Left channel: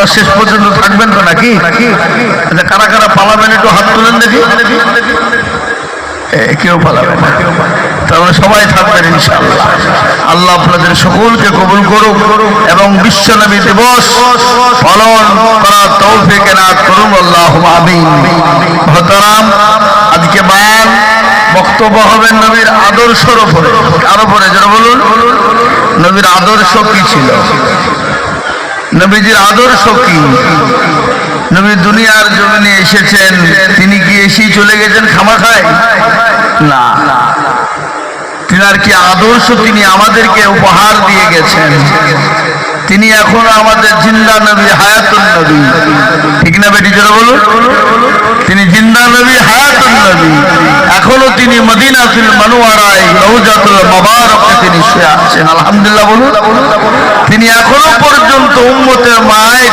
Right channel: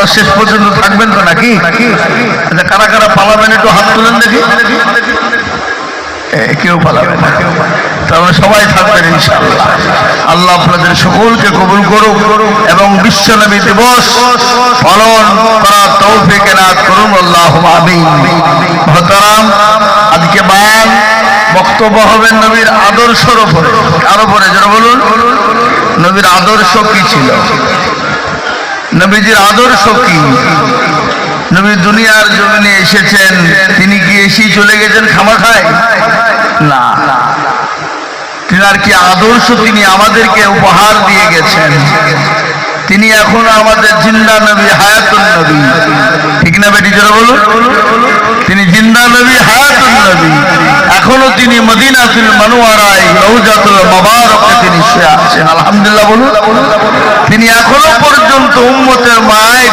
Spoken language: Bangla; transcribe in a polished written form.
আপনারা শেষ পর্যন্ত থাকবেন তো নাকি? আচ্ছা, কারা কারা পালাবেন একটু হাত তুলেন দেখি। কেউ পালাবে না, তাহলে সবাই থাকবেন ইনশাআল্লাহ। আল্লাহ আপনাদের সকলকে কবুল করুক এবং বিশ্বনবী দিবস পালন করার তৌফিক এনায়েত করুন, আল্লাহুম্মা আমিন। মুহতারাম, আজকে বায়ান বক্তব্য হবে নবীর আদর্শের উপরে। কার উপরে? যারা বলুন, নবীর আদর্শ কি ছিল, নবীজির আদর্শ কি? নবী দুনিয়ার জমিনে এসেছেন, তিনি কি এসেই চলে গেছেন খামাখায়? না, তিনার কি আদর্শ তিনি আমাদেরকে উপহার দিয়ে গেছেন। তিনি এখন আমাদের জিন্দা নবী, হায়াতুন নবী, ঠিক না বেটি? যারা বলুন, তিনি জিন্দা নবী, হায়াতুন নবী। এখনো তিনি মদিনাতুল মুনাওয়ারায় রওজাতুল মুবারাকে তিনি শুয়ে আছেন, আলহামদুলিল্লাহ বলুন। তিনি এখনো পর্যন্ত উম্মতের মায়